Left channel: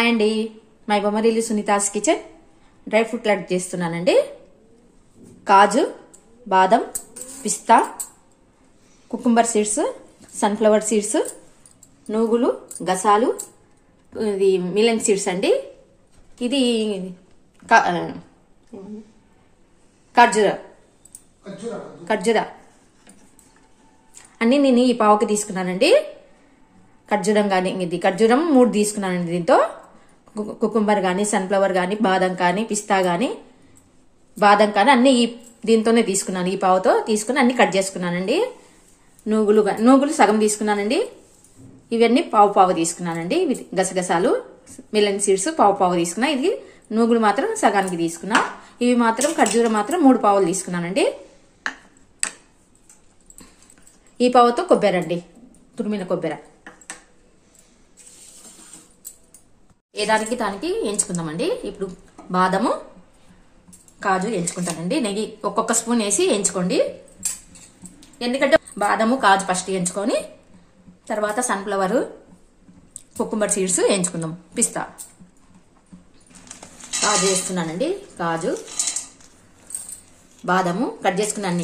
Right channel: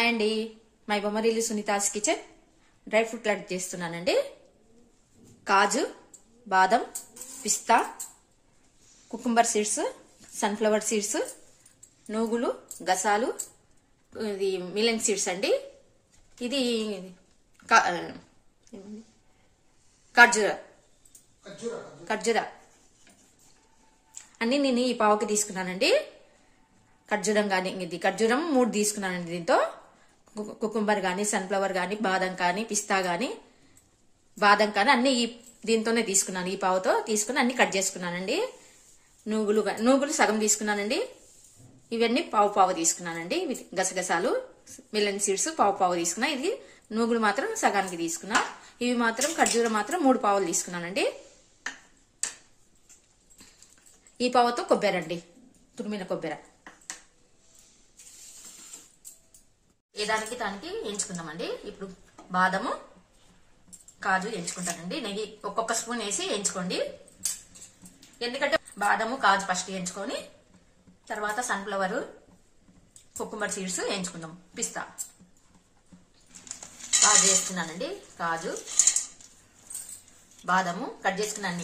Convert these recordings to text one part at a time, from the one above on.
Hi అండి, my Bommarillu Sunita's kitchen. Dry fruit laddu చేస్తున్నానండి. కాజు, బాదం, పిస్తా, కుకుంబర్ సీడ్స్, సన్ఫ్లవర్ సీడ్స్, నూగులు, గసాలు, ఇది మిలన్ సీడ్స్ అండి. ఇది ఖర్జూరా అన్ని నేను ఈ పావుకి తీసుకున్నానండి. ఖర్జూరం కానీ ఇది ఖర్జూరం 3 తీసుకున్నానండి. దీంతో కుకుంబర్ కానీ, సన్ఫ్లవర్ కానీ, బాదం కానీ, పిస్తా కానీ, బాదం కానీ అన్ని దీంతోనే తీసుకున్నాను. ఈ పావుతో తీసుకుని అన్ని కట్ చేసుకున్నానండి. నూగులు సగం తీసుకున్నానండి. ఇవన్నీ పావు తీసుకున్నానండి. గసగసాలు, మిలన్ సీడ్స్ పావు తీసుకున్నా. ఇది నూగులు మాత్రం సగానికి తీసుకున్నా. ఇవి మాత్రం ఖర్జూరం మాత్రం 3 పావులు తీసుకున్నానండి. ఈ పావుతో కొబ్బరి, తురిమిన కొబ్బరి దానికి ఎంచుకుందామండి. ఇప్పుడు బాదము, కాజు ఎంచుకుంటానండి. నెయ్యి ఒక్కొక్క స్పూన్ వేసి ఎంచుకోండి. ఎందుకంటే బాదము, కాజు ఫస్ట్ ఎంచుకొని తర్వాత సన్ఫ్లవర్, కుకుంబర్ సీడ్స్ ఎంచుకుందాం. పిస్తా, కాజు వేస్తున్నానండి. కాజు, బాదము కట్ చేసుకున్న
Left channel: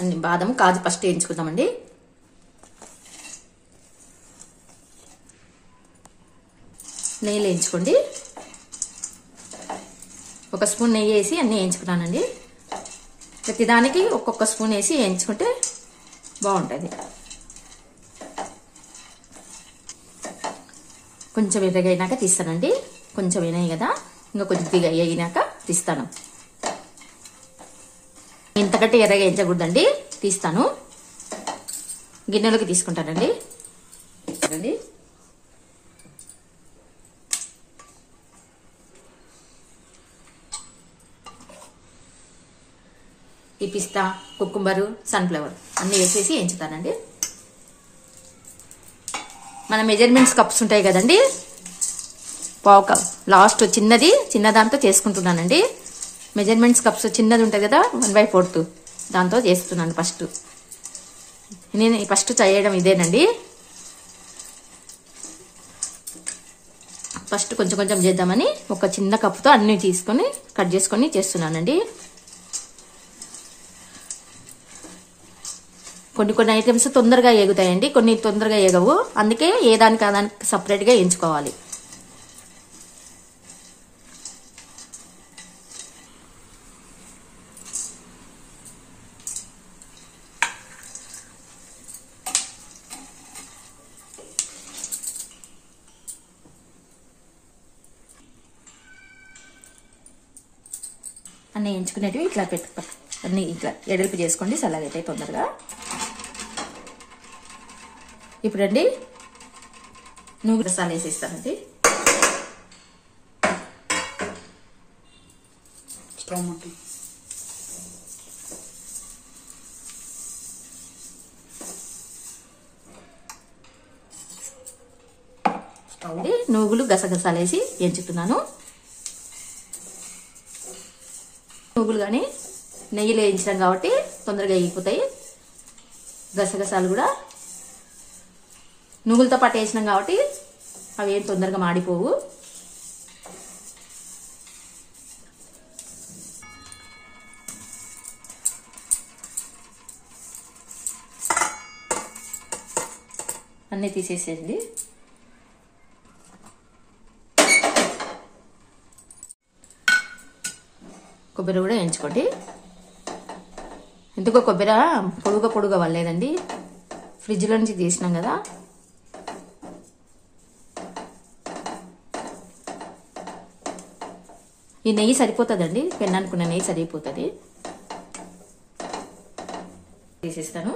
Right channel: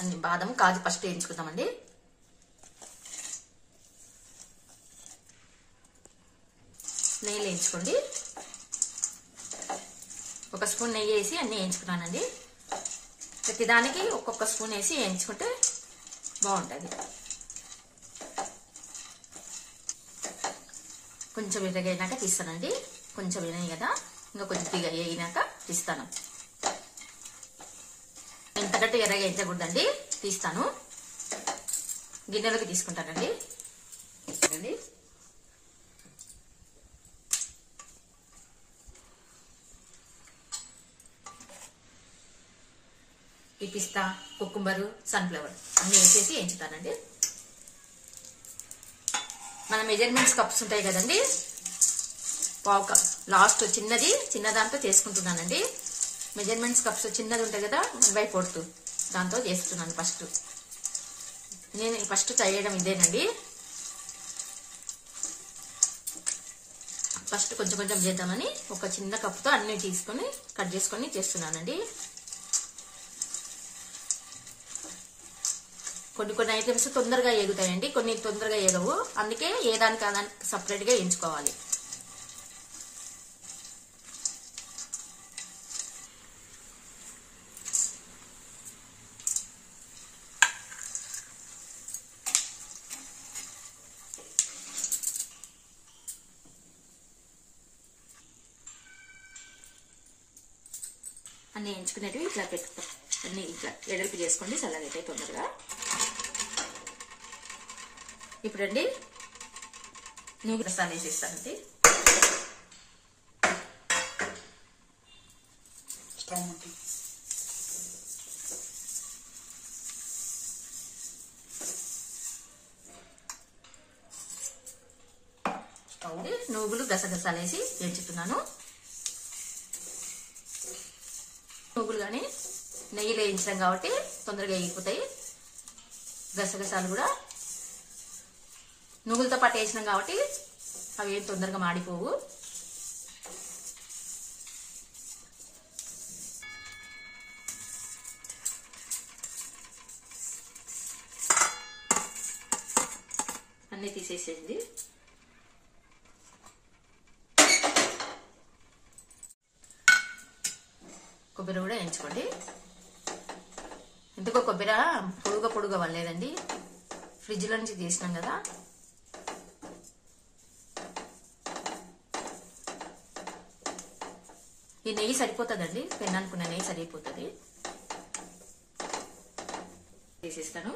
అన్ని బాదము, కాజు ఫస్ట్ ఎంచుకుందామండి. నెయ్యిలో వేయించుకోండి. ఒక స్పూన్ నెయ్యి వేసి అన్నీ వేయించుకున్నానండి. ప్రతిదానికి ఒక్కొక్క స్పూన్ వేసి వేయించుకుంటే బాగుంటుంది. కొంచెం ఎర్రగైనాక తీస్తానండి. కొంచెం వేనాయి కదా, ఇంకా కొద్దిగా వేగినాక తీస్తాను. ఇంతకంటే ఎర్రగా వేయించకూడదండి, తీస్తాను. గిన్నెలోకి తీసుకుంటానండి. ఈ పిస్తా, కుకుంబరు, సన్ఫ్లవర్ అన్ని వేసేసి వేయించుతానండి. మన మెజర్మెంట్స్ కప్స్ ఉంటాయి కదండి, పావు కప్ లాస్ట్ చిన్న దాంతో చేసుకుంటున్నానండి. మెజర్మెంట్స్ కప్స్ చిన్నది ఉంటుంది కదా, 1/4 దాంతో చేస్తున్నాను. నేను ఫస్ట్ చేయడం ఇదేనండి. ఫస్ట్ కొంచెం చేద్దామని ఒక చిన్న కప్తో అన్ని తీసుకొని కట్ చేసుకొని చేస్తున్నానండి. కొన్ని ఐటమ్స్ తొందరగా ఎగుతాయండి, కొన్ని తొందరగా ఎగవు. అందుకే ఏ దానికి సపరేట్ గా ఎంచుకోవాలి. అన్ని ఎంచుకునేటివి ఇట్లా అన్ని ఇట్లా ఎడల్పు చేసుకోండి, చల్లగైతాయి తొందరగా. ఇప్పుడండి నూగులు రసాలు వేసేస్తానండి. నూగులు, గసగసాలు వేసి ఎంచుతున్నాను. నూగులు కానీ నెయ్యిలో వేయించాం కాబట్టి తొందరగా వేగిపోతాయి. గసగసాలు కూడా నువ్వులతో పాటు వేసినాం కాబట్టి అవి ఏం తొందరగా మాడిపోవు. అన్నీ తీసేసేయండి. కొబ్బరి కూడా వేయించుకోండి. ఎందుకో కొబ్బరి పొడుగా వల్లేదండి, ఫ్రిడ్జ్లో నుంచి తీసినాం కదా. ఈ నెయ్యి సరిపోతుందండి, పెన్ననుకున్న నెయ్యి సరిపోతుంది. తీసేస్తాను.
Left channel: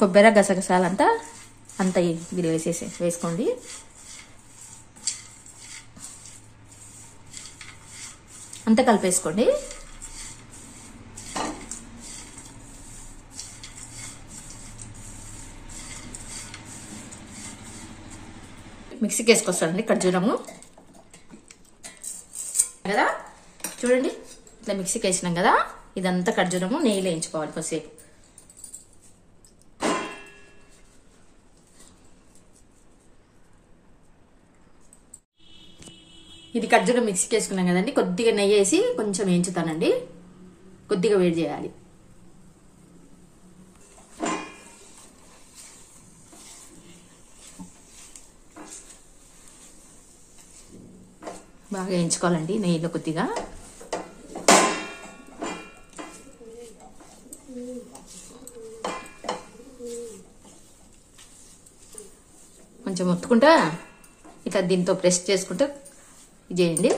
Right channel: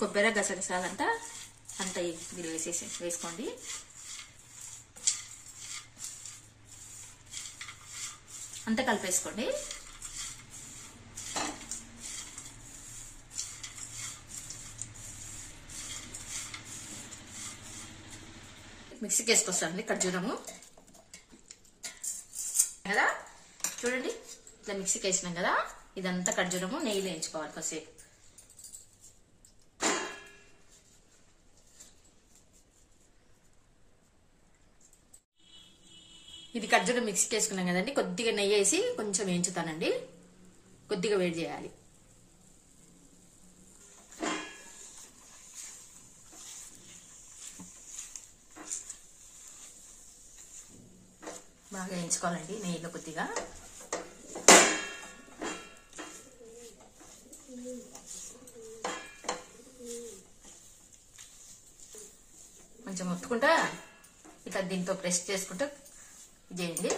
కొబ్బరి, గసగసాలంతా దీనిలో వేసుకోండి. అంతా కలిపేసుకోండి. మిక్సీకి వేసుకొస్తానండి. ఖర్జూరము కదా, చూడండి ఇట్లా మిక్సీకి వేసినాం కదా. ఇదంతా ఖర్జూరము నెయ్యిలో వేయించుకోవాలి కొద్దిసేపు. ఇది ఖర్జూరం మిక్సీకి వేసుకున్నాం కదండి, కొద్దిగా నెయ్యి వేసి కొంచెం వేయించుతానండి. కొద్దిగా వేడి చేయాలి. బాగా వేయించుకోవాలండి నెయ్యిలో కొద్దిగా. కొంచెం ఒత్తుకుంటా ఇట్లా దీంతో ప్రెస్ చేసుకుంటా ఇది చేయండి.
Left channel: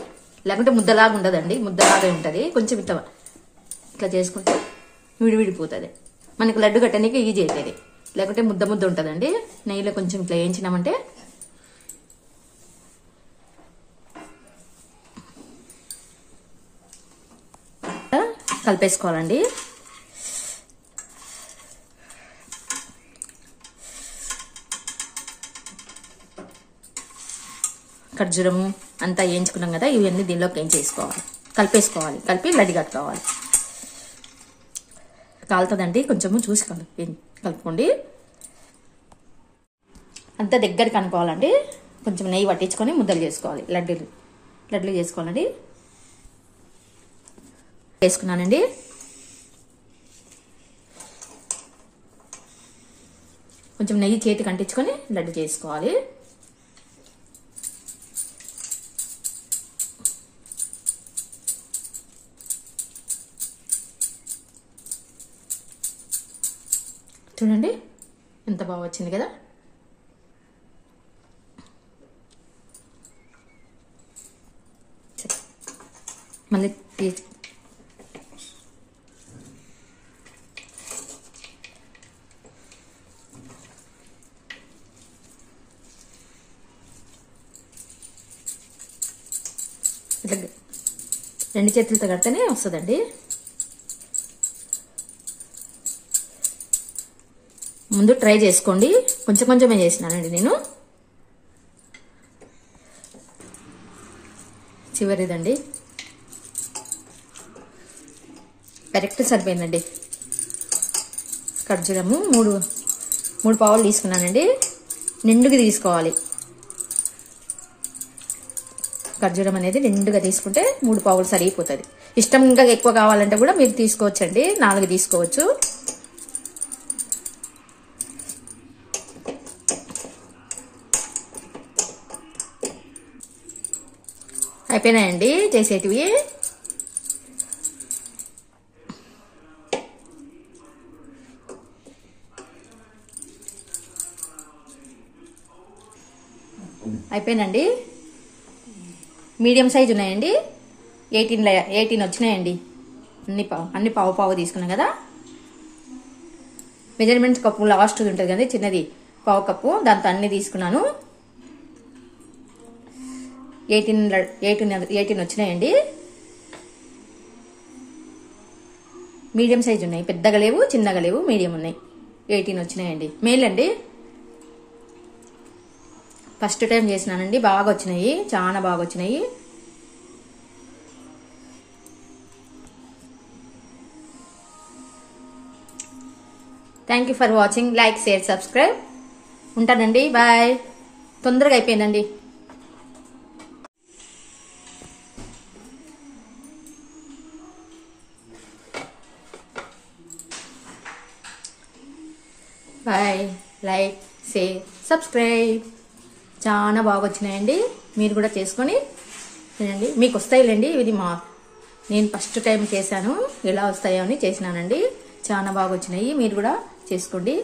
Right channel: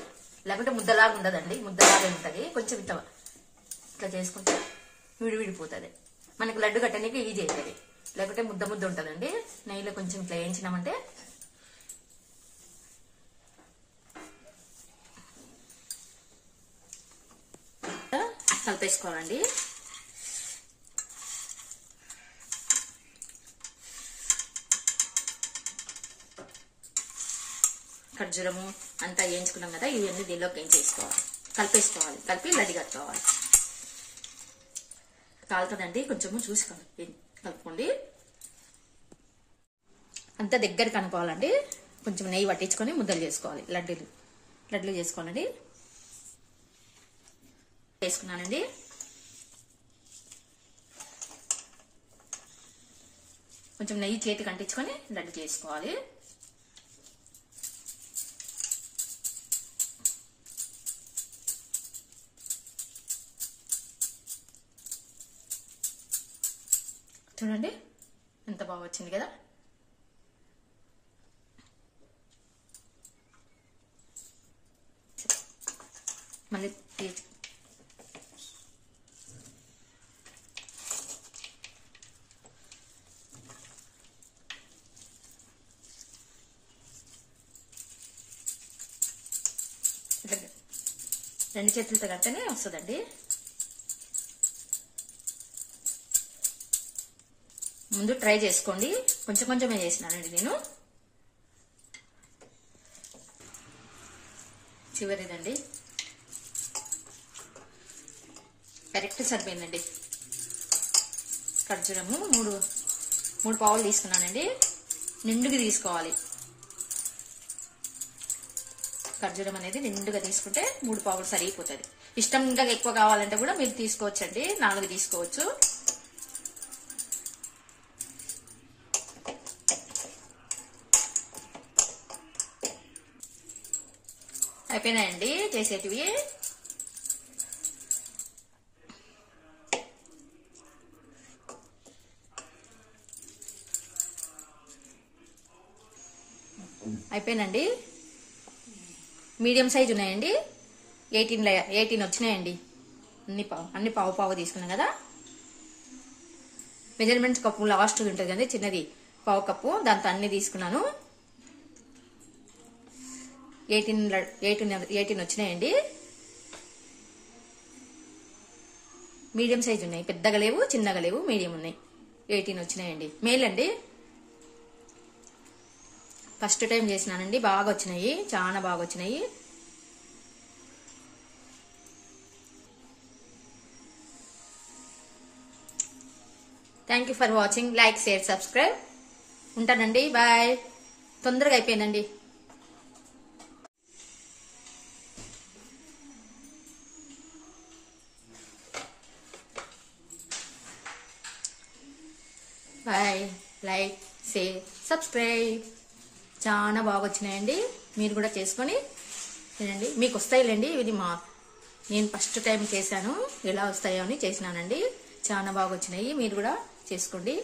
లేకుంటే ముద్దలాగా ఉండదండి, ముద్దలాగా ఉంటుంది. కొంచెం ఇట్లా చేసుకుంటే విడివిడిపోతుంది. మనకి లడ్డు కట్టడానికి ఈజీ అవుతుంది. లేకుంటే ముద్ద ముద్ద ఉంటుందండి. నెయ్యిలో కొంచెం ఇట్లా వేయించినామంటే కలిపేసుకోవాలండి. ఖర్జూరము అంతా వేయించుకున్నాం కదా, ఇవన్నీ దీనిలోకి వేయించేసుకోవాలి, కలిపేసుకోవాలి. కలిపి లడ్డు కట్టుకోవాలి. కాలుతుందండి, కొంచెము చూసి కలుపుకోండి. అంతా దగ్గరికి అనుకోవాలండి. కొంచెం నెయ్యి పట్టించుకొని ముద్దలు చేసుకోవాలి. లడ్డూలు చేసుకోవాలండి. వేసుకున్నానండి. కొంచెం నెయ్యి చేతికి అంటించుకొని లడ్డు చేసుకోవాలి. చూడండి ఎంత బాగా వచ్చింది కదా. మళ్ళీ ఇట్లా 2 చేతులతో కడితేనే వస్తుందండి. ముందు ట్రై చేసుకోండి. కొంచెం కొంచెమే చేసినానండి నేను. చివరిదండి, కరెక్ట్ సరిపోయిందండి. ఖర్జూరము 3 పావులు తీసుకున్నానండి. నిండుగా తీసుకోవాలి. ఖర్జూరం అనేది నిండుగా తీసుకుంటే 3 పావులు సరిపోతుంది. ఇష్టం ఇంకా ఎక్కువ కావాలంటే కూడా మీరు తీసుకోవచ్చండి. 4 తీసుకోవచ్చు. అయిపోయినాయండి చేసేటివి. అయిపోయినండి. మీడియం సైజ్ ఉన్నాయండి. 18 వచ్చినాయండి. అన్ని పావు తీసుకున్నాం కదా. మెజర్మెంట్ కప్పు లాస్ట్ ఉంటుంది కదా చిన్నది, పావు కప్పు, దాంతో అన్ని తీసుకున్నాను. 18 వచ్చినాయండి. మీడియం సైజ్ ఉన్నాయి. పెద్దగా లేవు, చిన్నగా లేవు, మీడియం ఉన్నాయి. 18 వచ్చినాయండి. మేలండి. ఫస్ట్ టైం చేసినానండి. బాగా వచ్చినాయి, చాలా బాగా వచ్చినాయి. Thank you for watching. Like, share, subscribe. ఉంటానండి. బాయ్. తొందరగా అయిపోయిందండి. బాయ్. Like, share, subscribe. చాలా బాగా వచ్చినాయండి. మీరు కూడా చేసుకొని తినండి. మీకు వస్తాయిలేండి. ఇది నేను ఫస్ట్ టైం చేశాను. ఎలా వస్తాయో అని చేసినానండి. చాలా బాగా వచ్చినాయి. మీరు కూడా చేసుకోండి.